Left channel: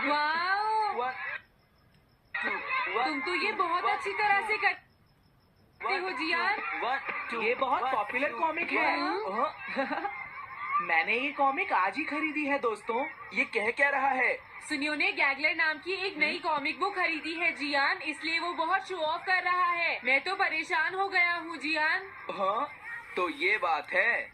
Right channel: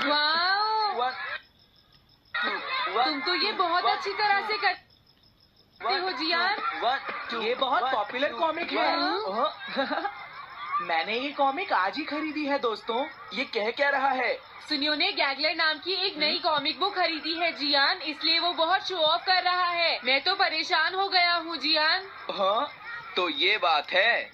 Wow! तुम तो ये बहुत अच्छी तरह से करते हो जियान। ये बहुत पॉपुलर कॉमिक है। मैंने ये कॉमिक आज ही खरीदी है दोस्तों। ये कह क्या रहा है? सुनियो ने गैगलर नाम की एक नई कॉमिक बुक खरीदी है जियान, इसलिए वो बहुत शो ऑफ कर रहा है। मैं तो परेशान हो गया हूँ जियान। हाँ, तो ये बात है।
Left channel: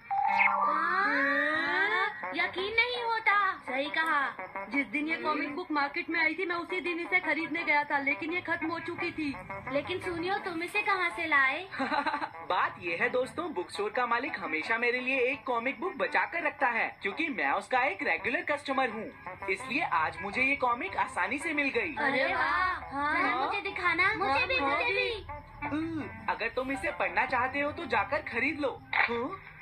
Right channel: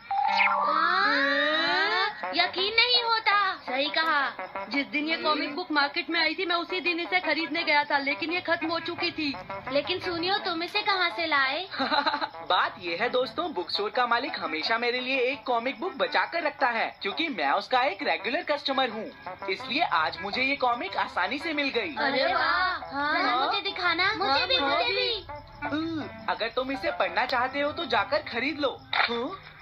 यकीन नहीं होता। सही कहा। जिस दिन ये कॉमिक बुक मार्केट में आई थी मैं उसी दिन इसे खरीदने गया था, लेकिन ये खत्म हो चुकी थी। लेकिन सुनियो, तुम इसे कहाँ से लाए? बात ये है दोस्तों, बुक स्टोर का मालिक हमेशा मेरे लिए एक कॉमिक बुक बचा कर रखता है, क्योंकि मैं उसका एक रेगुलर कस्टमर हूँ। इसलिए आज मुझे ये कॉमिक आसानी से मिल गई। अरे वाह! हाँ, मुझे दिखाना। मुझे भी। अगर तुम इसे पढ़ना चाहते हो तो जाकर खरीद लो।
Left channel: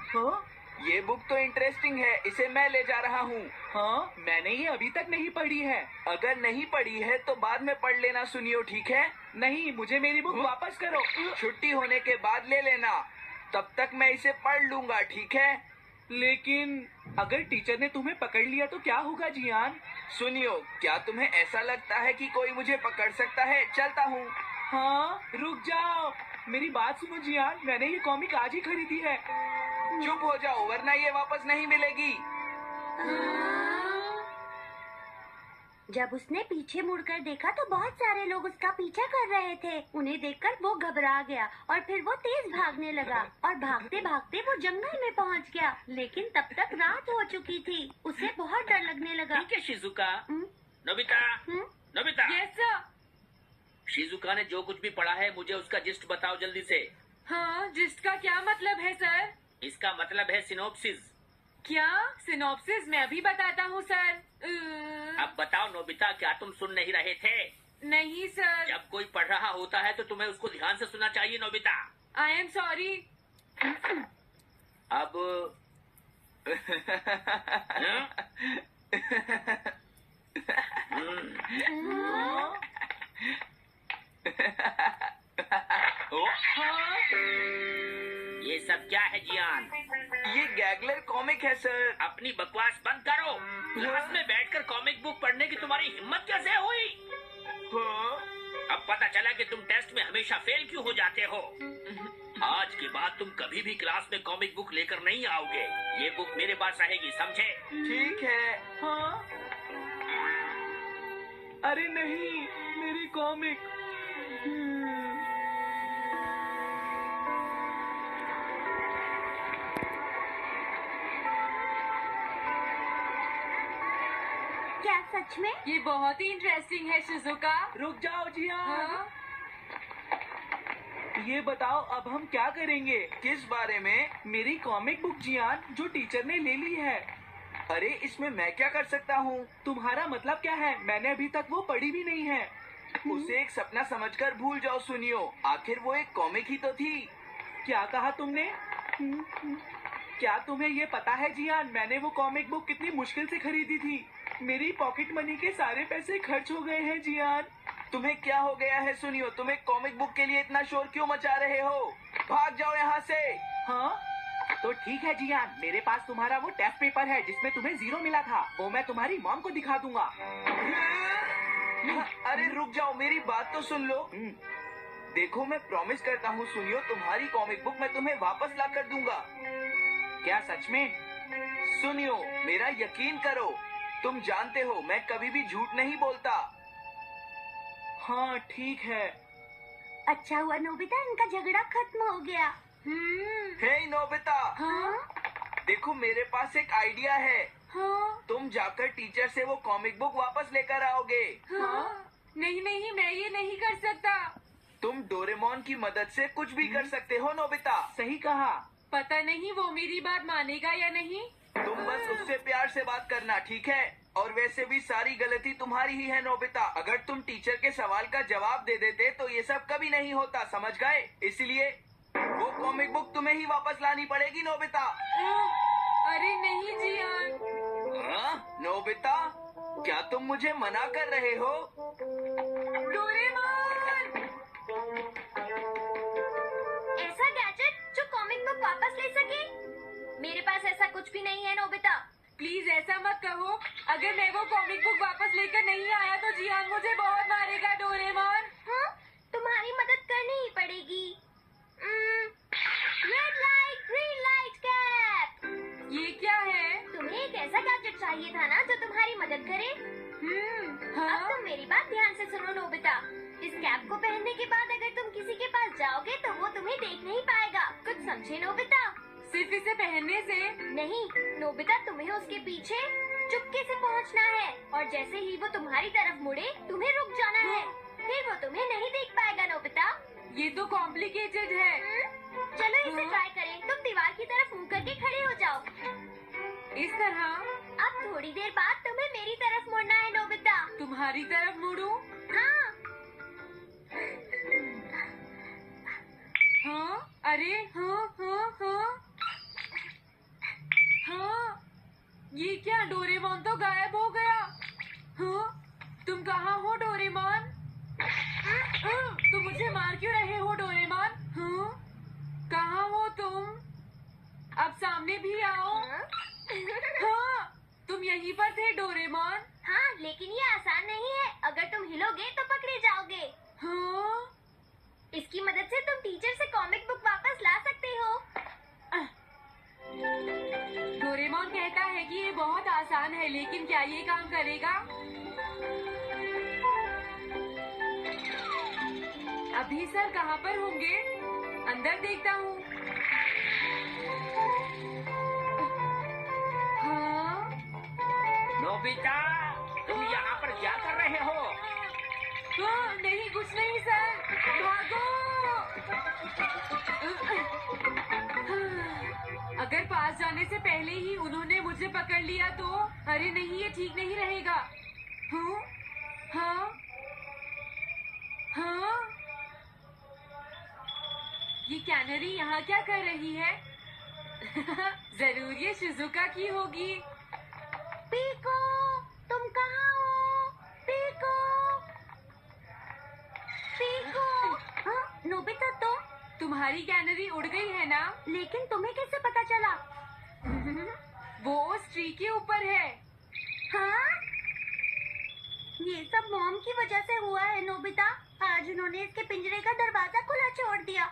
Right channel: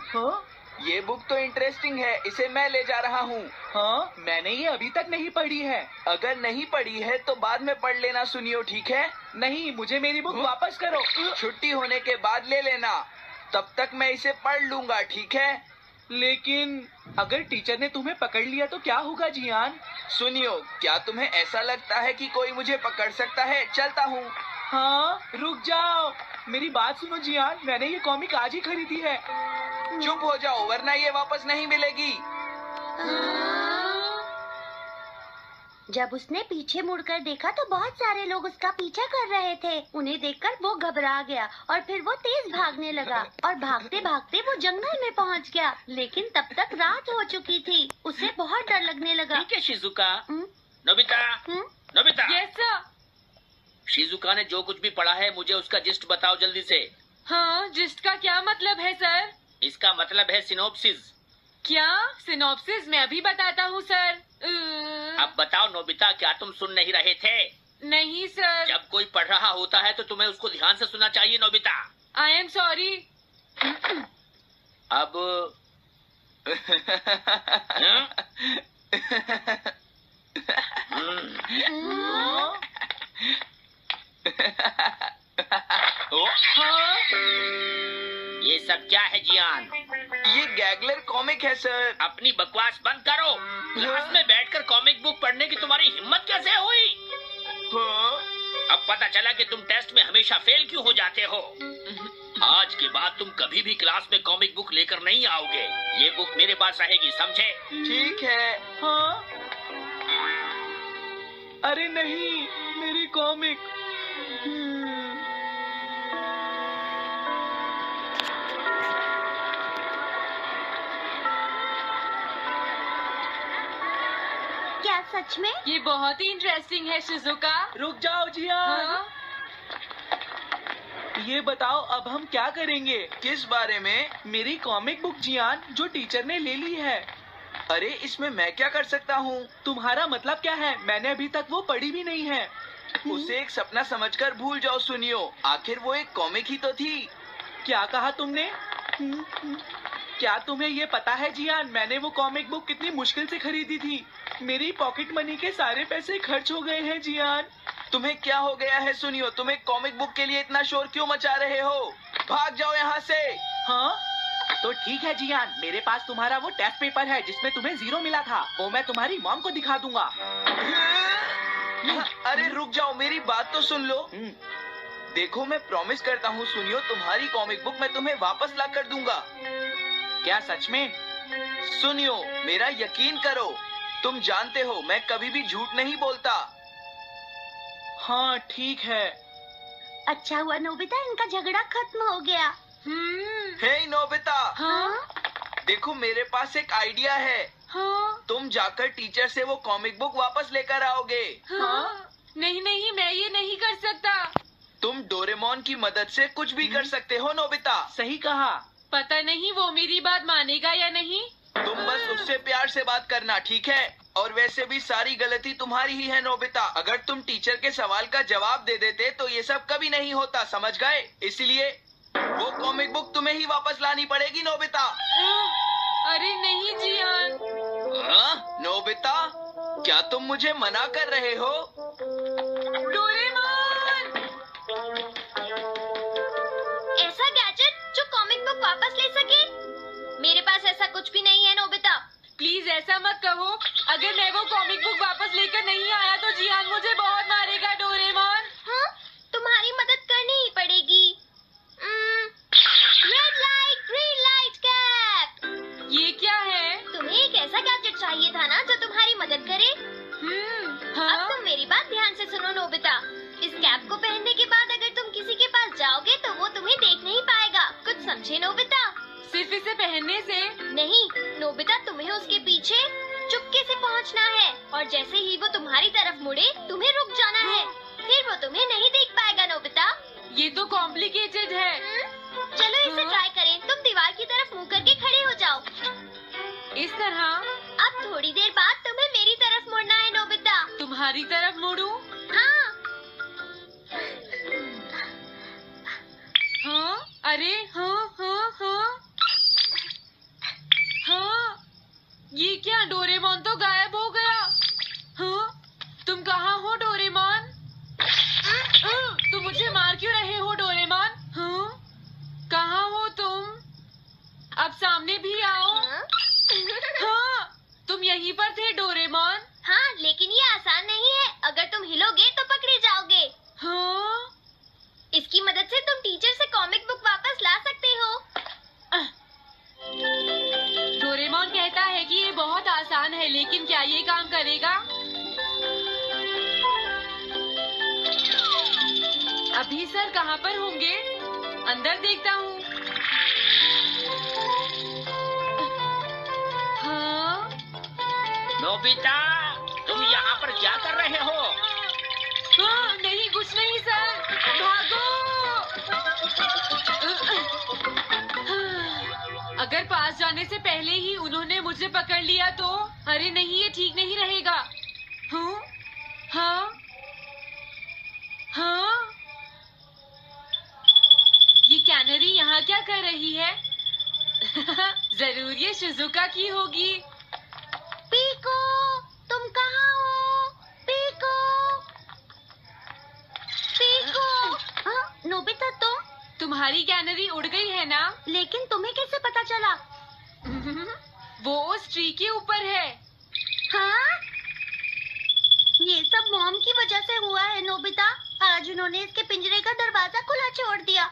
हाँ? ये बुक तो इंटरेस्टिंग है, इसे मैं ले जा रहा हूँ। हाँ, मैंने ये अभी तक नहीं पढ़ी है। अगर नहीं पढ़ी है तो बाद में पढ़ लेना सुनियो, ठीक है? नहीं, मुझे मेरी बुक वापस करो। छुट्टी होने के बाद ले लेना, तब तक मैं इसे पढ़ लूंगा, ठीक है? लेकिन अगर टीचर ने तुम्हें पकड़ लिया तो क्या होगा जियान? सुनियो, क्या तुम्हें ऐसा लगता है कि कोई मुझे पकड़ सकता है? चलता हूँ। हाँ, रुक जाओ, मेरी बात सुनो जियान, मैंने ये कॉमिक आज ही खरीदी है। चुप हो जाओ, वरना ये वापस नहीं मिलेगी। जब उसने पीछे मुड़कर देखा तो बहुत सारे लोग उसका पीछा कर रहे थे। उन्हें देखकर वो घबरा गया और फिर वो तेज भागने लगा और भागते भागते वो जंगल में पहुंच गया। लेकिन तब तक रात हो चुकी थी। उसे बहुत डर लगने लगा। ठीक है Shizuka. Nobita, Nobita. Yes sir. Shizuka ने जो कुछ भी पढ़ा है मुझे उसका जिस्ट बताओ जल्दी से। हाँ, जिस्ट का क्या मतलब है सर? इसका मतलब है सिनोप्सिस। क्या? सिनॉप्सिस? मैं अभी बताता हूँ सर। अब बताओ नोबिता, क्या तुम सुन नहीं रहे थे? नहीं सर। जब कोई पढ़ रहा होता है तो तुम्हें उसको ध्यान से सुनना चाहिए नोबिता। I am sorry. अब ये सब क्या है जियान? ये गैगलर कॉमिक है सर। अपनी बकवास बंद करो। क्लास में बैठकर कॉमिक बुक पढ़ने की तुम्हारी हिम्मत कैसे हुई? अब पता चला कि तुम टेस्ट में हमेशा फेल क्यों हो जाते हो। आज के बाद तुम कभी भी क्लास में कॉमिक बुक लेकर नहीं आओगे। ये बुक मेरे पास रहेगी, समझे? ठीक है। हाँ? अरे नहीं, मेरी कॉमिक। क्या सच में? ये बहुत ही इंटरेस्टिंग है शिजुका। रुक जाओ जियान। हाँ? ये बताओ अब हम क्या करेंगे? किस बारे में? मेरी कॉमिक बुक जियान, जो टीचर ने ले ली है। अरे इसमें मैं क्या कर सकता हूँ? तुम्हारा मतलब क्या है? मैंने अभी तक वो पढ़ी भी नहीं है। उसे एक सपना समझकर भूल जाओ सुनियो, आखिर वो एक कॉमिक ही तो थी। क्या कहा तुमने? क्या तुम्हें ये पता है जियान, मैंने वो कॉमिक बुक कितनी मुश्किल से खरीदी थी। मेरी पॉकेट मनी के सारे पैसे खर्च हो गए हैं जियान। तुम्हें क्या हो गया है सुनियो? तुम एक कॉमिक बुक के लिए इतना शोर क्यों मचा रहे हो? भाग जाओ यहाँ से। हाँ? तो ठीक है जियान, मेरे पास तुम्हारा वो टेस्ट पेपर है जिसमें तुम्हें 0 मिला था। वो मैं तुम्हारी मॉम को दिखा दूंगा। अरे रुक जाओ, मेरी बात तो सुन लो। देखो मैं प्रॉमिस करता हूँ सुनियो, तुम्हारी कॉमिक बुक मैं तुम्हें वापस ला कर दूंगा। क्या सच में? सुनियो, मेरा यकीन करो, तुम जानते हो मैं कभी भी झूठ नहीं बोलता। हाँ ठीक है। अच्छा हुआ नोबिता, इनका झगड़ा खत्म हो गया। हे नोबिता। हाँ? देखो मेरे पास एक आइडिया है। हाँ? तुम जाकर टीचर से वो कॉमिक बुक वापस लेकर आओगे। हाँ? नहीं नहीं, मैं ये नहीं कर सकता। तुम डोरेमोन की मदद से कुछ भी कर सकते हो नोबिता। सही कहा। पता नहीं वो मेरी बात मानेगा या नहीं। तुम बस उससे प्यार से बात करना, ठीक है? और वैसे भी सारी गलती तुम्हारी ही है नोबिता। अगर तुम टीचर के सवाल का जवाब दे देते तो ये सब कभी नहीं होता, समझ गए? इसलिए वो कॉमिक बुक तुम्हें ही वापस लानी पड़ेगी नोबिता। अरे नहीं जियान। हाँ? नोबिता, क्या तुम मुझे मना कर रहे हो? डोरेमोन! ऐसा गैजेट जो कॉमिक बुक वापस ले सके? मेरे पास ऐसा कुछ भी नहीं है नोबिता। प्लीज ऐसा मत कहो। अगर मैं वो कॉमिक बुक वापस लेकर नहीं आया तो जियान मुझे बहुत मारेगा डोरेमोन। हाँ, तुम्हारी मदद करनी ही पड़ेगी। Red light green light cap. ये क्या है? तुम्हें एक ऐसा गैजेट चाहिए था ना जो तुम्हारी मदद करे। अब हाँ? तुम मेरी बात ध्यान से सुनो नोबिता। इस कैप को पहनने के बाद अगर तुम किसी के पास जाओगे तो वो तुम्हें देख नहीं पाएगा। कुछ समझे नोबिता? सिर्फ इसे पहनने से? नहीं नोबिता, तुम्हें उसके पीछे चुपके से पहुंचना है और जैसे ही वो तुम्हारी तरफ मुड़े तुम्हें रुक जाना है। फिर वो तुम्हें नहीं देख पाएगा नोबिता। ये तो कॉम्प्लिकेटेड है। चलो इसे ट्राई करें। तुम दीवार की तरफ मुंह करके खड़े हो जाओ। इस तरह? अब थोड़ी देर बाद तुम्हें मेरी तरफ मुड़ना है नोबिता। तुम्हारी तरफ मुड़ूं? हाँ। हाँ? अरे हाँ हाँ हाँ हाँ, ये क्या? डोरेमोन तो गायब हो गया। हाँ? तुम कहाँ हो डोरेमोन? तुम मुझे मार क्यों रहे हो डोरेमोन? हाँ? कहाँ हो तुम? अब सामने भी आओ। हाँ, तुम यहीं पर थे डोरेमोन। हाँ, लेकिन ये आसान नहीं है। अगर तुम हिलोगे तो पकड़े जाओगे। हाँ? इसकी मदद से तुम टीचर से कॉमिक बुक वापस ला सकते हो। डोरेमोन कहता है कि ये बहुत आसान है, लेकिन क्या ये काम करेगा? अभी सर कहाँ पर होंगे? अंदर देखता हूँ। हाँ? नोबिता, तुम यहाँ पर क्या कर रहे हो? हाँ, नहीं कुछ नहीं सर, भागो। अगर पास जाने से पहले ही उन्होंने मुझे पकड़ लिया तो? अरे नहीं, ये ठीक नहीं रहेगा। हाँ? हाँ? हाँ? ये कैनरी यहाँ क्या कर रही है? जरूर ये शिजुका की होगी। पीको, तुम कहाँ हो? Piko, Piko. हाँ, नोबिता तुम्हारी कैनरी उड़ गई है ना? लेकिन तुम्हें कैसे पता चला? वो उस ट्री के ऊपर है। हाँ? ये सब मॉम की वजह से हुआ है नोबिता। आज उन्होंने इसके पिंजरे का दरवाजा खुला छोड़ दिया।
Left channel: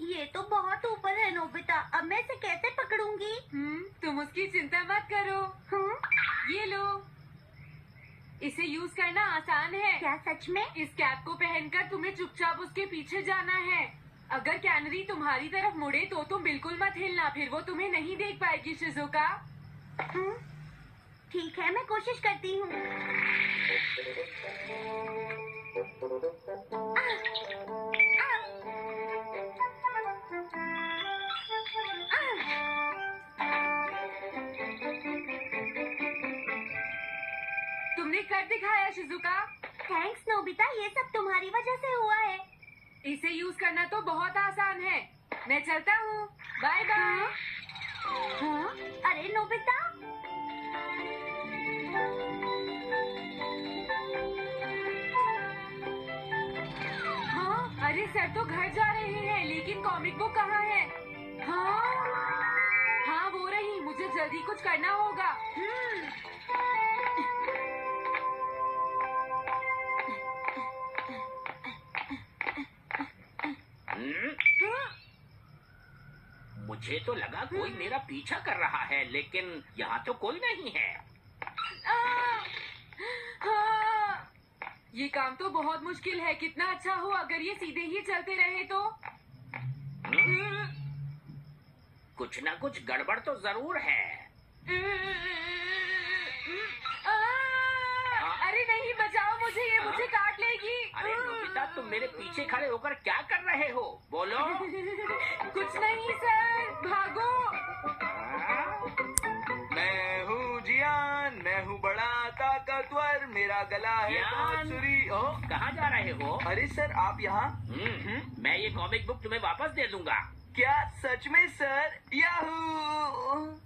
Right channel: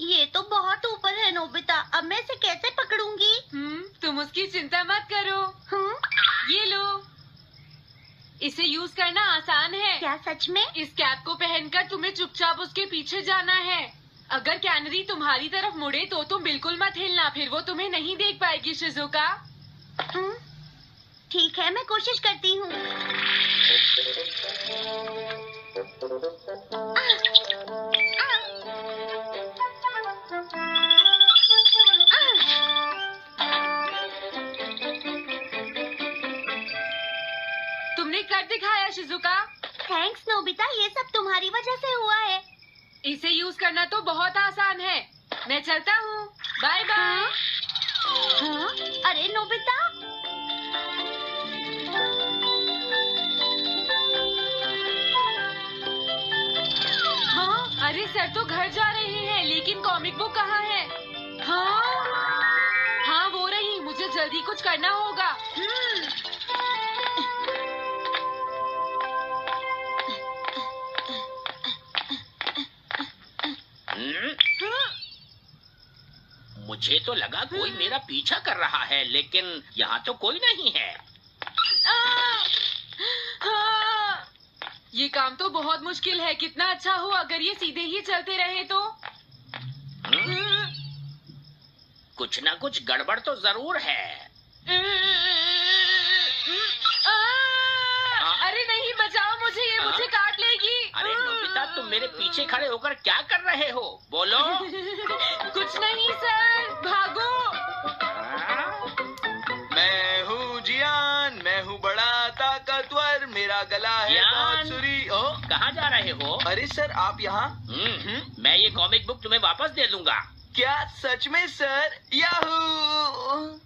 ये तो बहुत ऊपर है नोबिता। अब मैं इसे कैसे पकड़ूंगी? तुम उसकी चिंता मत करो। ये लो, इसे यूज करना आसान है। क्या सच में? इस कैप को पहनकर तुम्हें चुपचाप उसके पीछे जाना है। अगर कैनरी तुम्हारी तरफ मुड़े तो तुम बिल्कुल मत हिलना, फिर वो तुम्हें नहीं देख पाएगी शिजुका। ठीक है, मैं कोशिश करती हूँ। तुमने कर दिखाया शिजुका। थैंक्स नोबिता, ये सब तुम्हारी वजह से हुआ है। इसे यूज करना तो बहुत आसान है। मैं चलता हूँ, बाय बाय। हाँ? अरे नोबिता, हाँ? अरे सर तो घर जा रहे हैं, लेकिन कॉमिक बुक कहाँ है? हाँ? हाँ वो रही, मुझे जल्दी कुछ करना होगा। मुझे तो लगा कोई मेरा पीछा कर रहा है, लेकिन यहाँ तो कोई नहीं है। हाँ। ये काम तो बहुत मुश्किल है। कितना अच्छा हो अगर ये सीधे ही चलते रहे तो। कुछ ना कुछ गड़बड़ तो जरूर है। अरे नहीं, बचाओ मुझे, ये मुझे काट लेगी। अरे नोबिता, तुम मेरे पीछे खड़े होकर क्या कर रहे हो? बोलो। कुछ नहीं सर, भागो। मैं हूँ जियान, मैं हूँ बड़ा ताकतवर, मेरा गला है जियान। बहुत सुरी। ओ, कहाँ जा रहे हो? अरे सर आप यहाँ? मैं ये कॉमिक बुक तुम्हें वापस दे दूंगा। क्या सच में सर? याहू!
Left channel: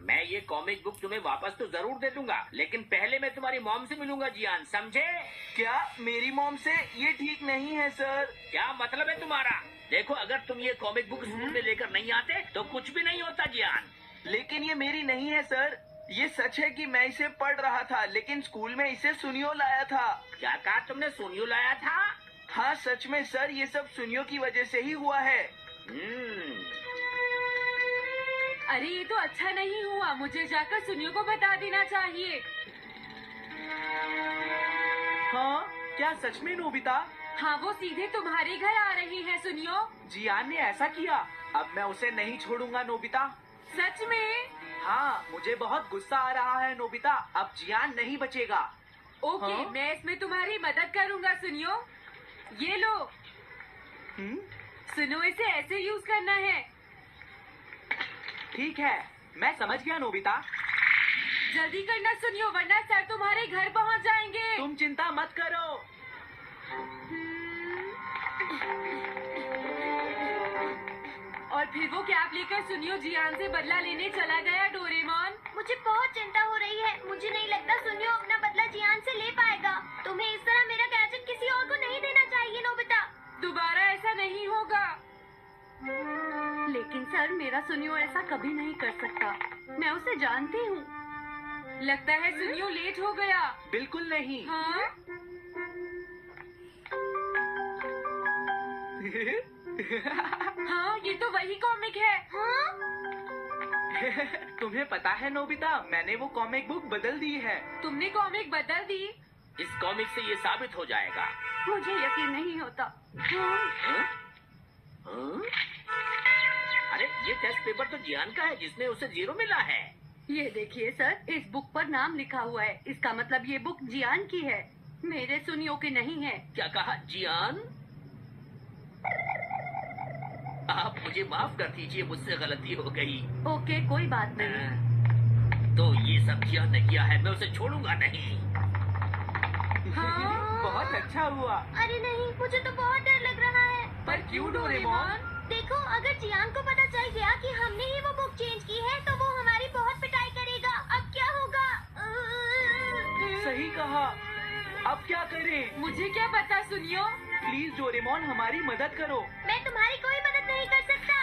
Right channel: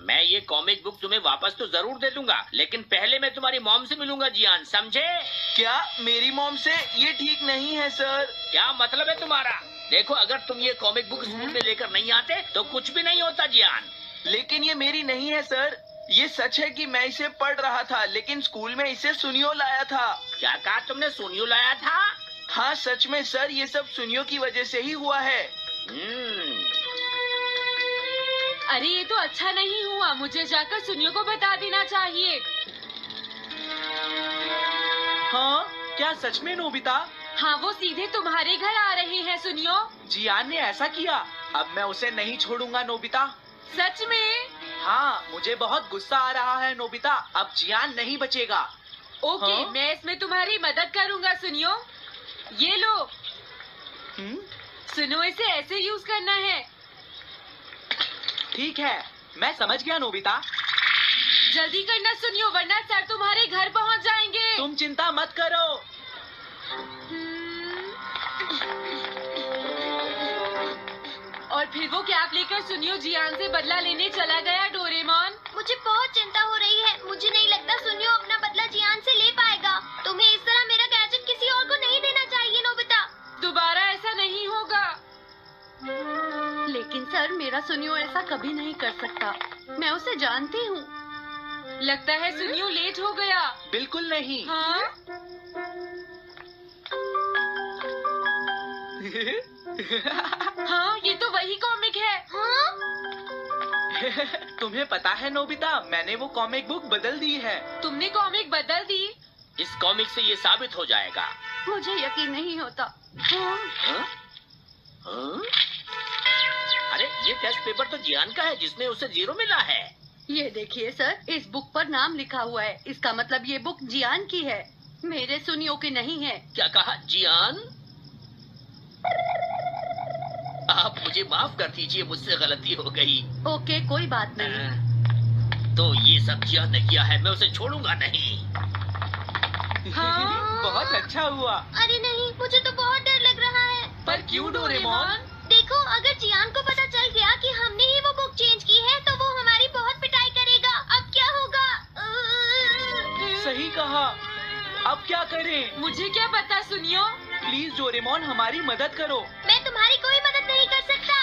मैं ये कॉमिक बुक तुम्हें वापस तो जरूर दे दूंगा, लेकिन पहले मैं तुम्हारी मॉम से मिलूंगा जियान, समझे? क्या मेरी मॉम से? ये ठीक नहीं है सर। क्या मतलब है तुम्हारा? देखो, अगर तुम ये कॉमिक बुक स्कूल में लेकर नहीं आते तो कुछ भी नहीं होता जियान। लेकिन ये मेरी नहीं है सर। ये सच है कि मैं इसे पढ़ रहा था, लेकिन स्कूल में इसे सुनियो लाया था। क्या कहा तुमने? सुनियो लाया था? हाँ सच में सर, ये सब सुनियो की वजह से ही हुआ है। अरे ये तो अच्छा नहीं हुआ, मुझे जाकर सुनियो को बता देना चाहिए। हाँ, क्या सच में नोबिता? हाँ, वो सीधे तुम्हारे घर आ रहे हैं सुनियो। जियान ने ऐसा किया। अब मैं उसे नहीं छोड़ूंगा नोबिता। सच में? हाँ, मुझे बहुत गुस्सा आ रहा है नोबिता। अब जियान नहीं बचेगा। ओके, हाँ? मैं इसमें तुम्हारी मदद करूँगा सुनियो। ये लो, सुनो, इसे ऐसे यूज करना है। ठीक है, मैं समझ गया नोबिता। जल्दी करना सुनियो, वरना सर तुम्हारे घर पहुँच जाएंगे। तुम चिंता मत करो। और फिर वो कैप लेकर सुनियो जियान से बदला लेने चला गया। डोरेमोन, मुझे बहुत चिंता हो रही है। मुझे नहीं लगता सुनियो अपना बदला जियान से ले पाएगा। तुम्हें इस तरह मेरा गैजेट किसी और को नहीं देना चाहिए नोबिता। दोबारा ऐसा नहीं होगा। लेकिन सर, मेरा सुनियो ऐसा कभी नहीं कर सकता। मैं उसे जानती हूँ। लगता है सुनियो लेट हो गया। बिल्कुल नहीं। हाँ? हाँ, ये तो वही कॉमिक है। हाँ? तुम्हें पता है नोबिता, मैंने वो कॉमिक बुक बदल दी है। तुमने कॉमिक बदल दी? इस कॉमिक से ये साबित हो जाएगा। मुझे यकीन नहीं होता। हाँ? हाँ? अरे, ये टेस्ट पेपर तो जियान का है, जिसने उसे 0 मिला है। ये देखिए सर, इस बुक पर नाम लिखा हुआ है। इसका मतलब ये बुक जियान की है, मेरे सुनियो की नहीं है। क्या कहा? जियान? आप मुझे माफ कर दीजिए, मुझसे गलती हो गई। ओके, कोई बात नहीं। तो ये सब जियान ने किया है, मैं उसे छोड़ूंगा नहीं। हाँ? बहुत अच्छा हुआ। अरे नहीं, मुझे तो बहुत डर लग रहा है। पर क्यों डोरेमोन? देखो, अगर जियान को पता चल गया कि हमने ही वो बुक चेंज की है तो वो हमारी बहुत पिटाई करेगा। अब क्या होगा? सही कहा। अब क्या करें? मुझे क्या पता सुनियो। प्लीज डोरेमोन, हमारी मदद करो। मैं तुम्हारी कोई मदद नहीं कर सकता।